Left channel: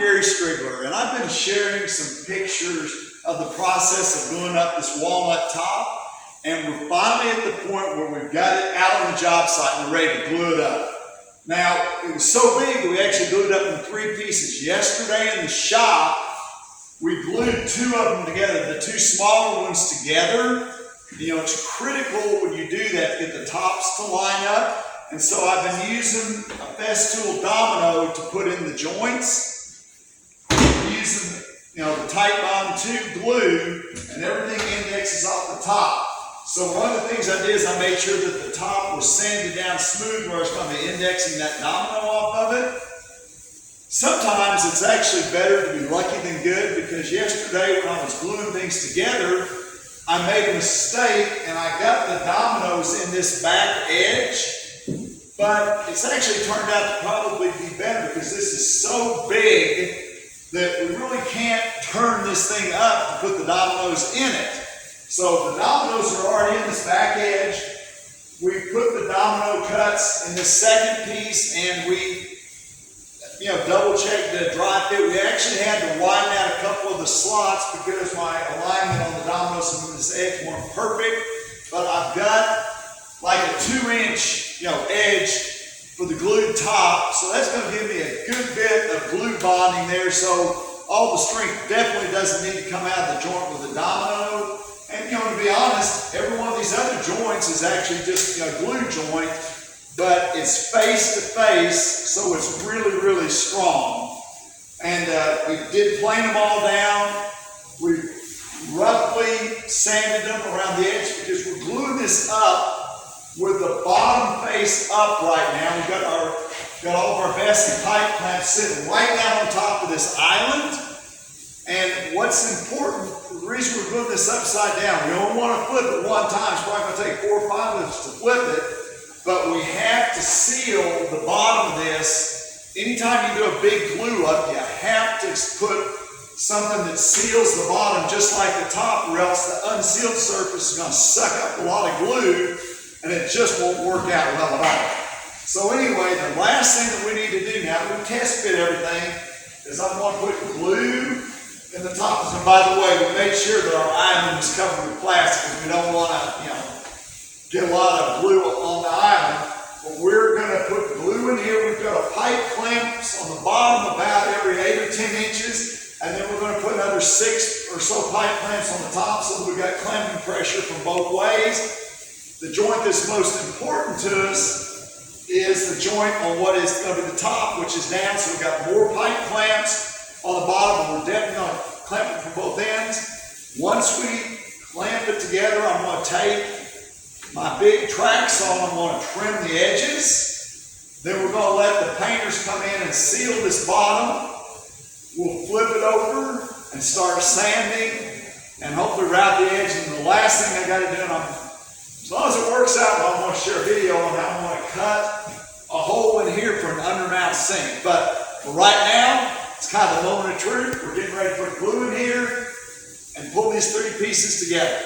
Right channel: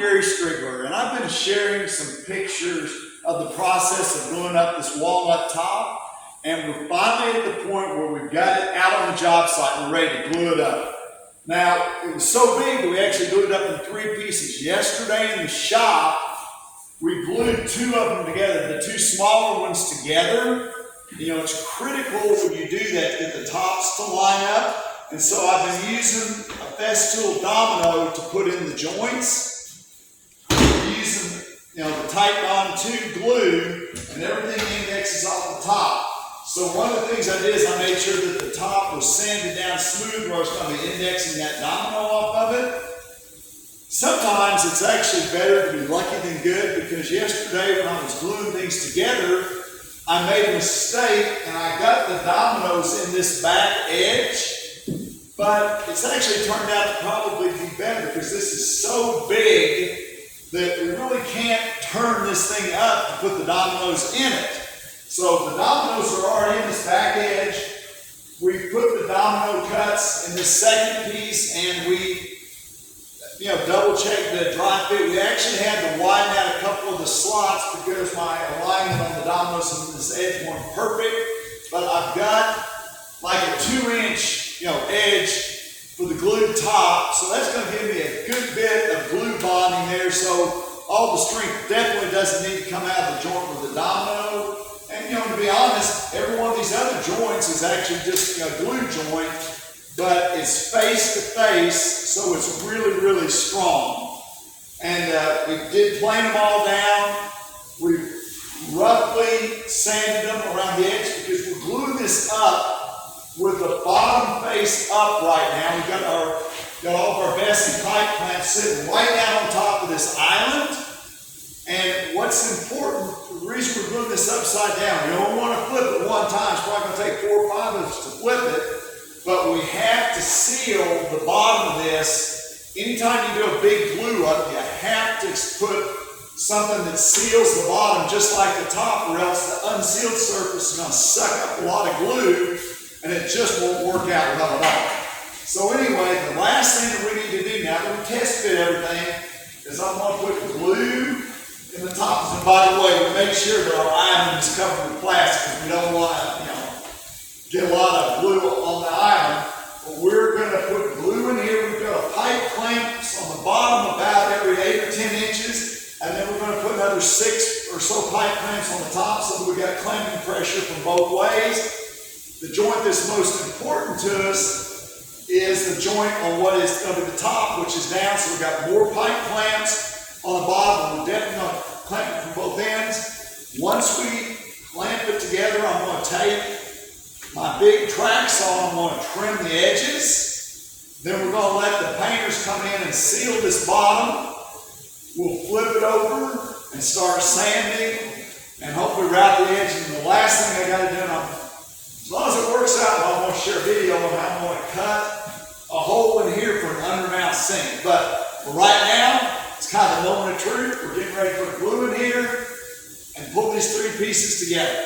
Gary Striegler, and I've been sharing some pictures of the process of gluing up this walnut top, and we're finally at the point where we've got it out on the job site and we're ready to glue it up. Now, it was so big that we actually glued it up in 3 pieces. Yesterday in the shop, we glued 2 of them together, the 2 smaller ones together. You know, it's critical when you do that to get the tops to line up. And so I've been using a Festool domino to put in the joints. We're using, you know, the Tight Bond 2 glue, and everything indexes off the top. So one of the things I did is I made sure that the top was sanded down smooth where I was going to be indexing that domino off of it. Sometimes it's actually better to be lucky than good, because yesterday when I was gluing things together, I made a mistake and I got the dominoes in this back edge. But it's actually turned out to probably be better because this is so big that we really can't turn this thing up to put the dominoes in it. So the dominoes are already in this back edge. We put the domino cuts in the second piece, and we double checked the dry fit. We actually had to widen out a couple of the slots because my alignment on the dominoes and this edge weren't perfect. But I've got like a 2-inch edge for the glued top, so that's going to give me a good bit of glue bonding there, so all the strength definitely doesn't need to come out of the joint with the domino. And to be honest, every one of these other joints is actually just a glue joint, but it's face to face, so it's really, really strong. And we did plane them all down. We roughly sanded them around the edge because we're gluing this up with the bottom face up right now. We've got all of our Bessie pipe clamps sitting right down on top of this island. And what's important, the reason we're gluing this upside down, we don't want to flip it one time. It's probably going to take 4 or 5 of us to flip it. But we have to seal the bottom of this. Anytime you do a big glue up, you have to put something that seals the bottom just like the top, or else the unsealed surface is going to suck up a lot of glue, and it just won't work out well at all. So anyway, the last thing that we need to do now that we test fit everything is I'm going to put glue in the tops. And by the way, we made sure that our island is covered with plastic because we don't want to, get a lot of glue on the island. But we're going to put glue in here. We've got a pipe clamps on the bottom about every 8 or 10 inches. And then we're going to put another 6 or so pipe clamps on the top so that we've got clamping pressure from both ways. The joint that's most important to us is the joint on what is going to be the top, which is down. So we've got more pipe clamps on the bottom. We're definitely going to clamp it from both ends. Once we clamp it together, I'm going to take my big track saw and I'm going to trim the edges. Then we're going to let the painters come in and seal this bottom. We'll flip it over and start sanding and hopefully wrap the edge. And the last thing I got to do, as long as it works out, I'm going to share a video on how I'm going to cut a hole in here for an undermount sink. But for right now, it's kind of the moment of truth. We're getting ready to put glue in here and pull these 3 pieces together.